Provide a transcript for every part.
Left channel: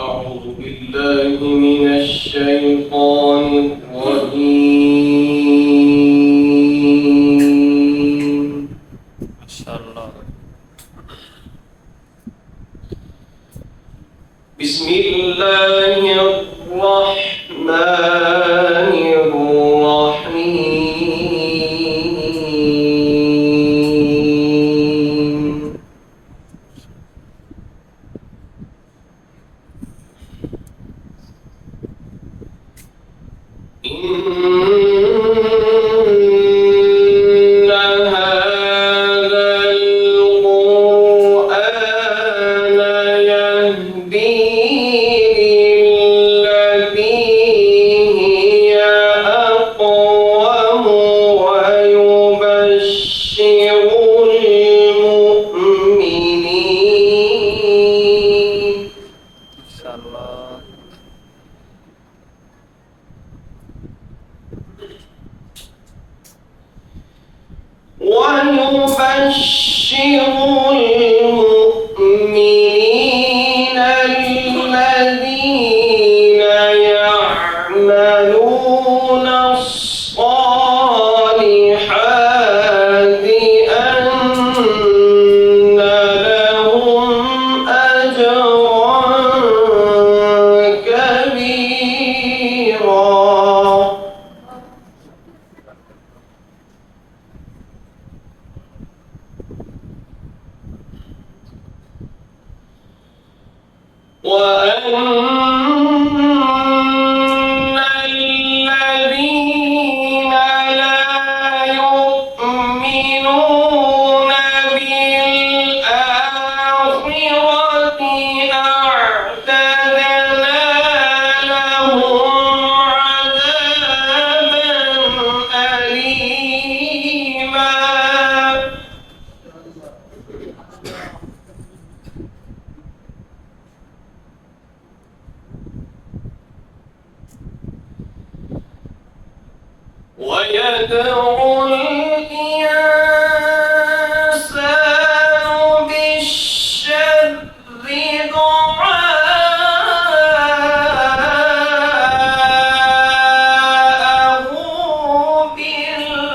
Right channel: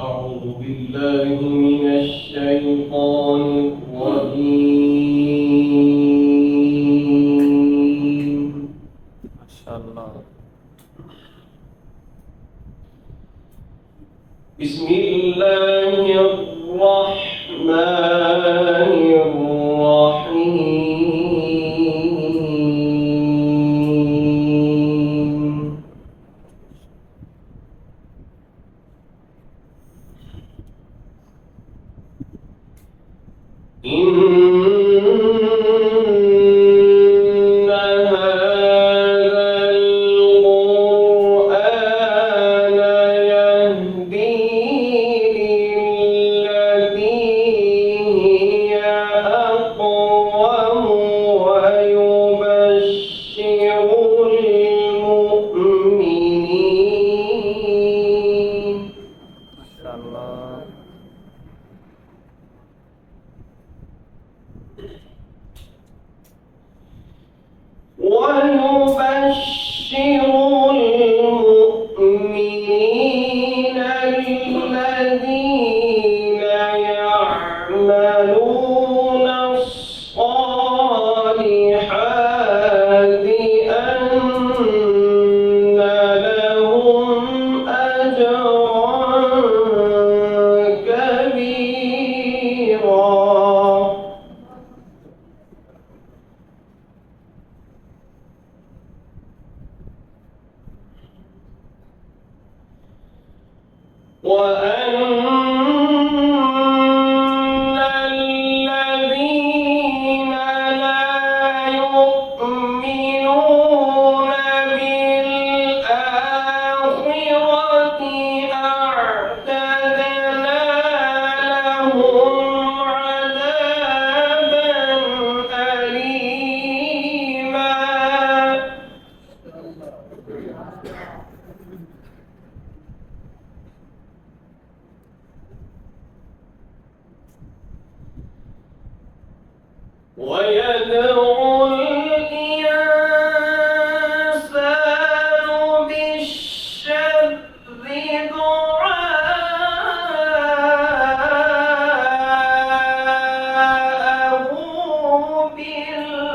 أعوذ بالله من الشيطان الرجيم. ما شاء الله. بسم الله الرحمن الرحيم. إن هذا القرآن يهدي للتي هي أقوم ويبشر المؤمنين. ما شاء الله. ويبشر المؤمنين الذين يعملون الصالحات أن لهم أجرا كبيرا. وأن الذين لا يؤمنون بالآخرة أعتدنا لهم عذابا أليما. ويدعو الإنسان بالشر دعاءه بالخير.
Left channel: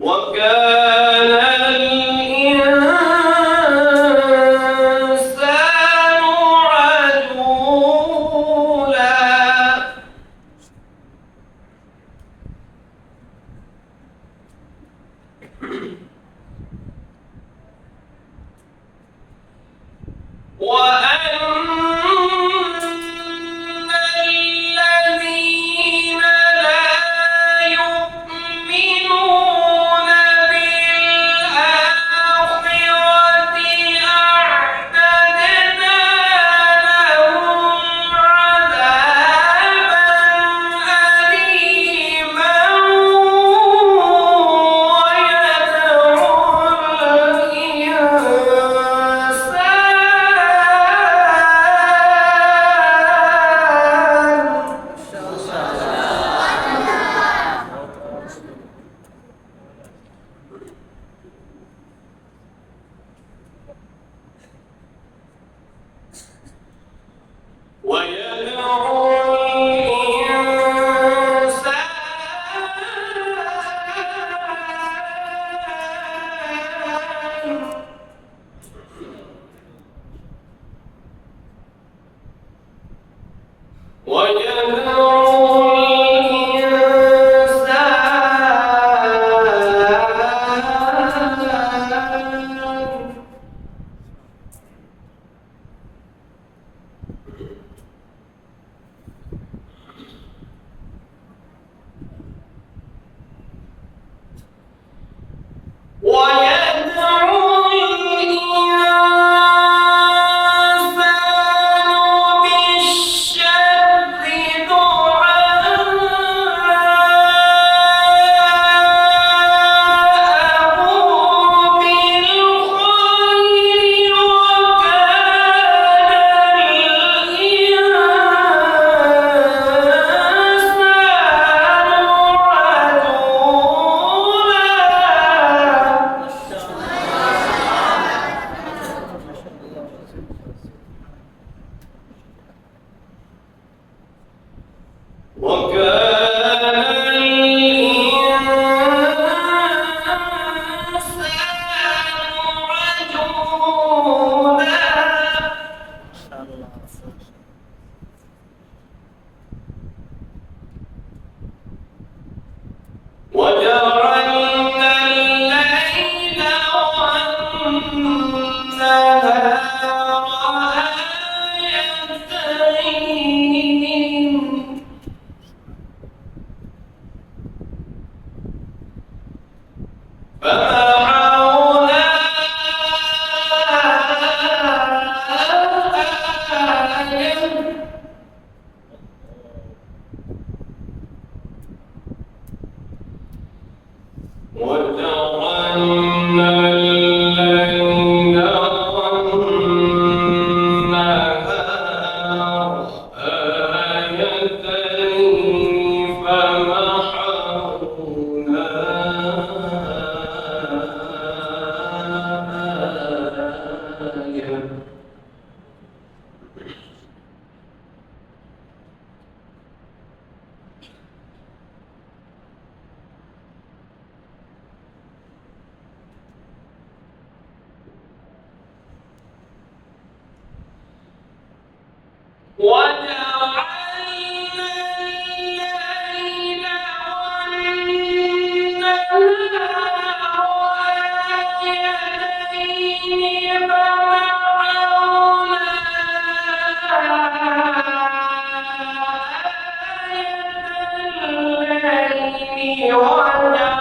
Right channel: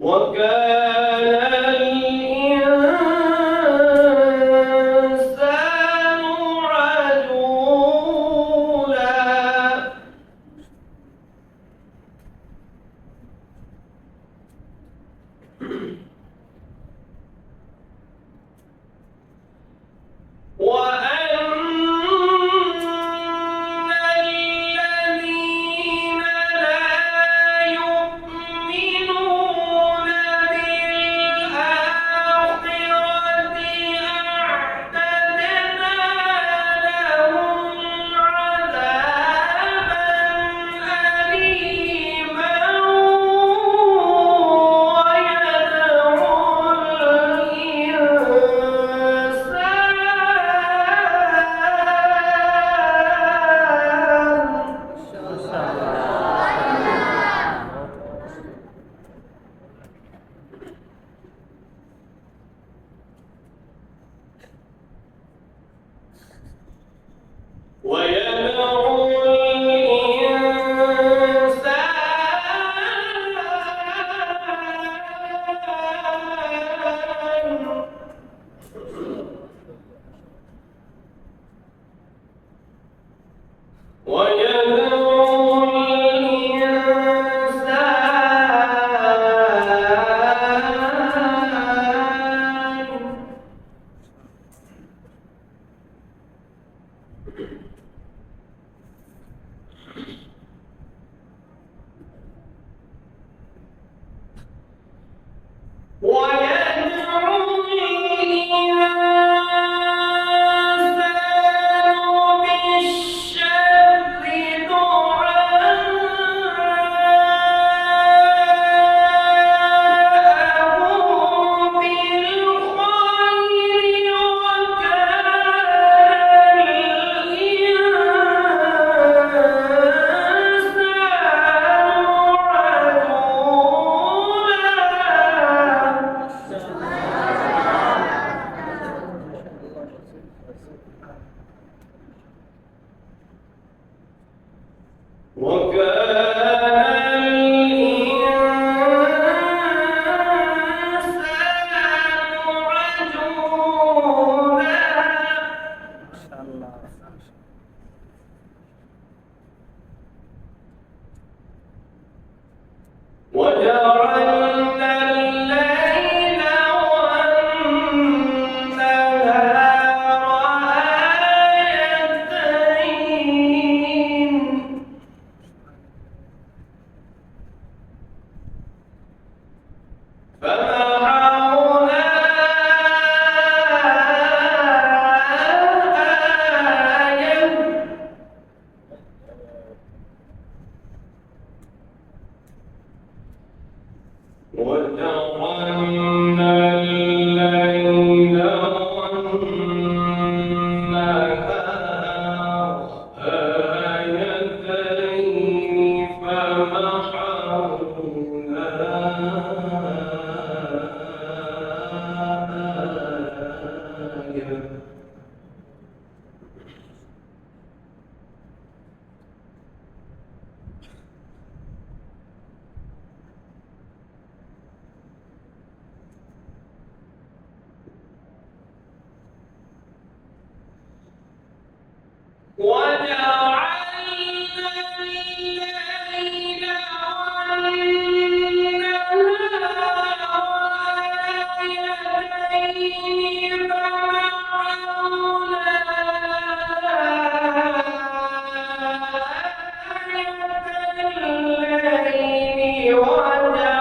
وكان الإنسان عجولا. وأن الذين لا يؤمنون وكان الإنسان عجولا ما شاء الله. وجعلنا الليل والنهار آيتين فمحونا آية وجعلنا الليل والنهار آيتين فمحونا آية وجعلنا الليل والنهار آيتين فمحونا آية الليل وجعلنا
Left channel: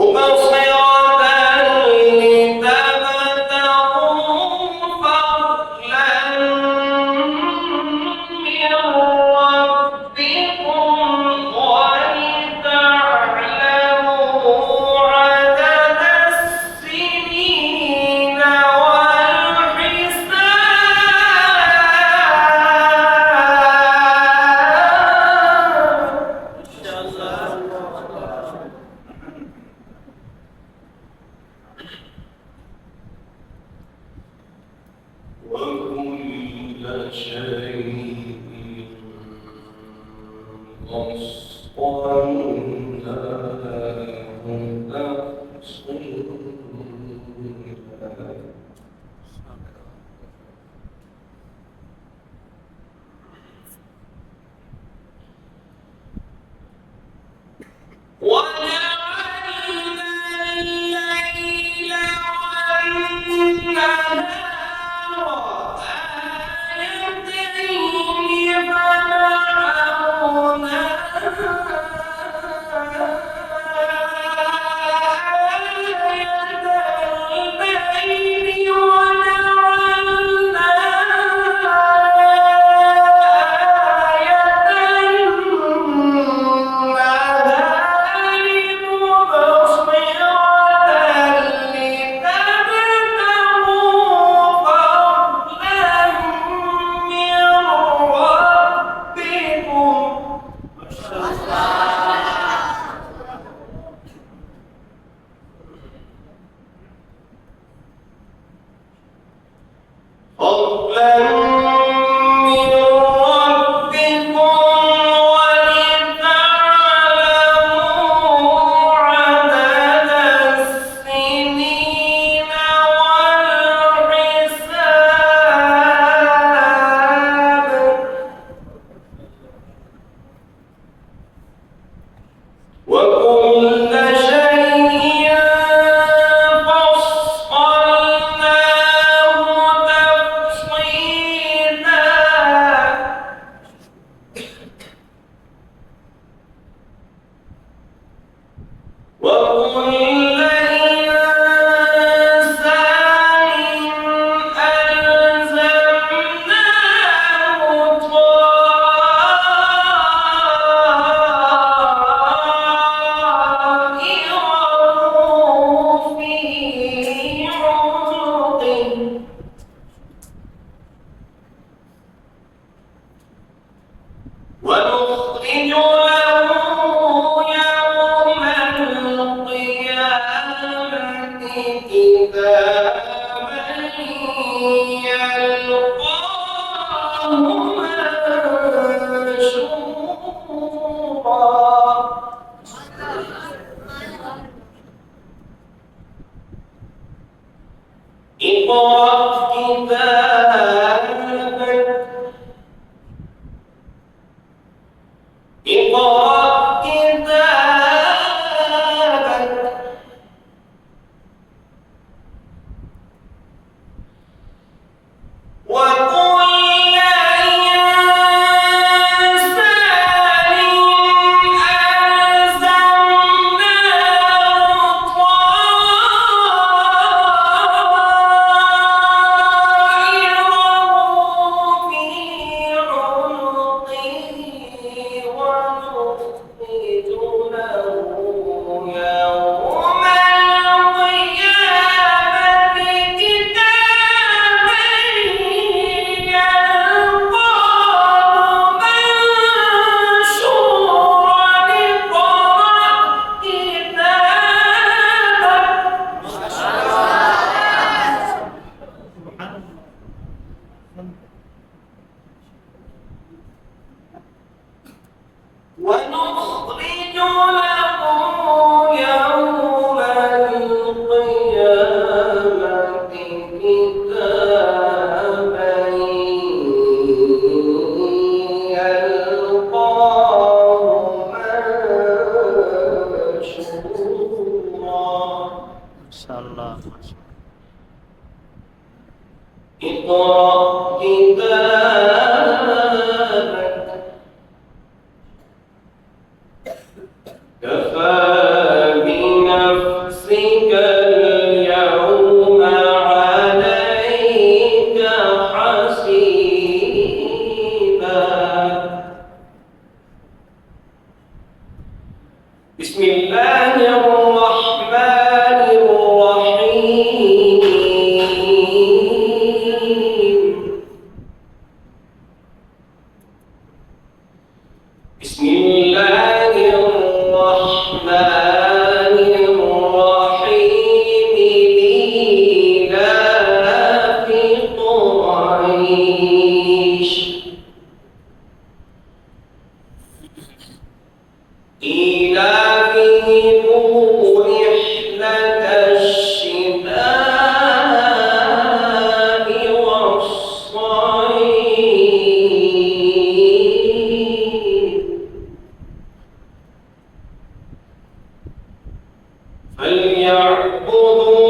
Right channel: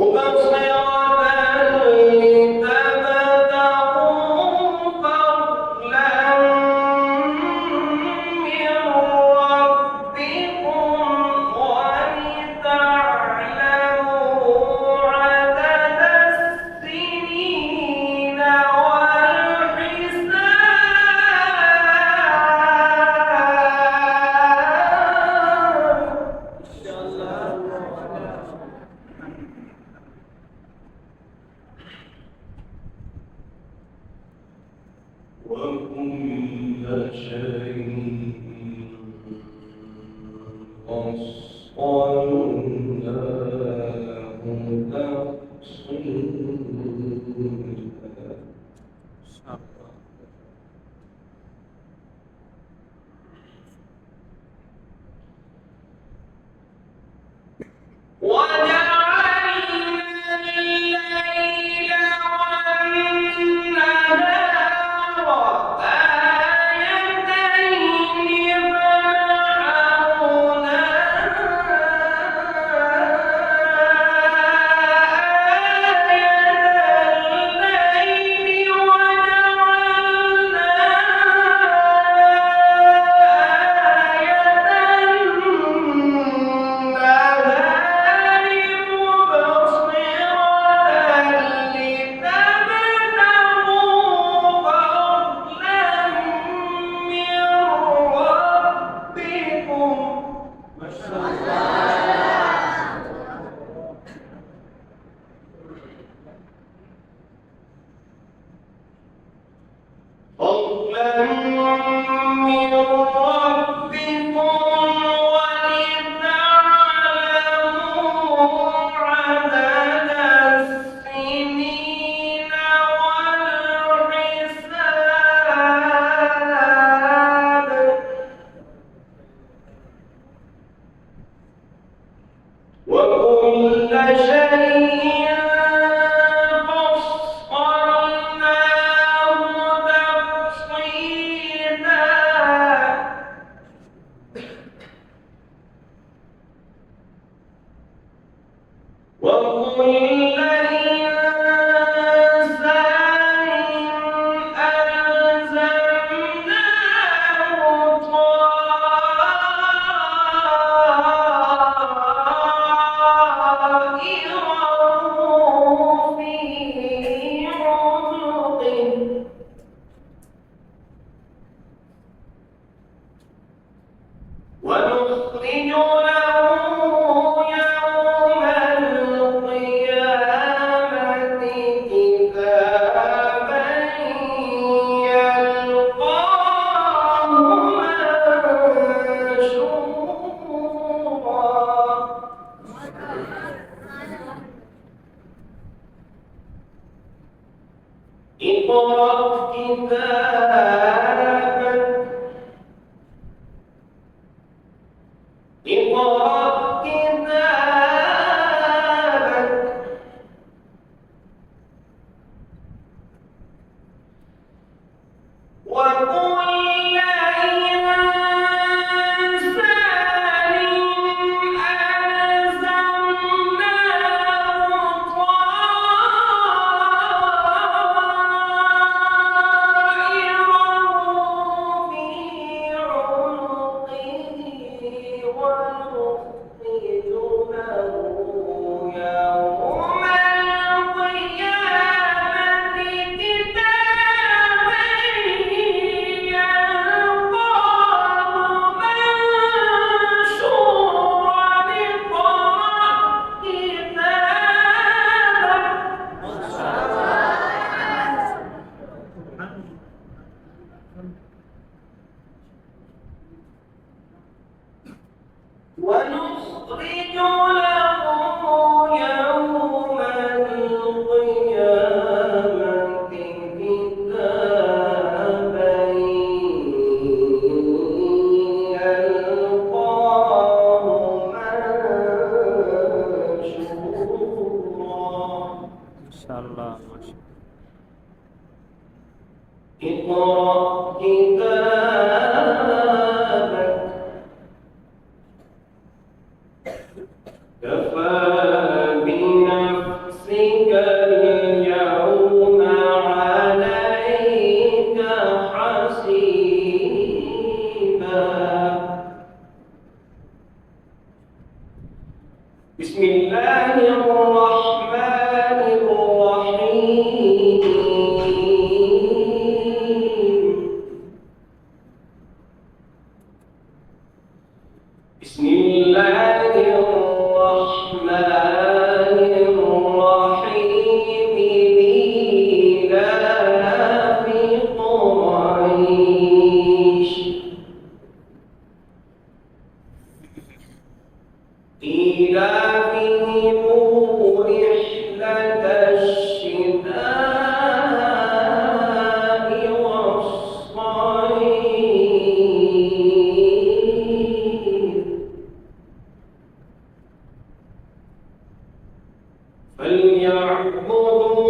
مبصرة لتبتغوا فضلا من ربكم ولتعلموا عدد السنين والحساب. وكل شيء فصلناه تفصيلا وجعلنا الليل والنهار آيتين اقرأ كتابك اقرأ كتابك وكل إنسان ألزمناه طائره في عنقه ونخرج له يوم القيامة كتابا يلقاه منشورا اقرأ كتابك ونخرج له يوم القيامة كتابا يلقاه منشورا ما شاء الله ما شاء اقرأ كتابك كفى بنفسك اليوم عليك حسيبا بسم الله الرحمن الرحيم بسم الله الرحمن الرحيم لإيلاف قريش إيلافهم رحلة الشتاء والصيف فليعبدوا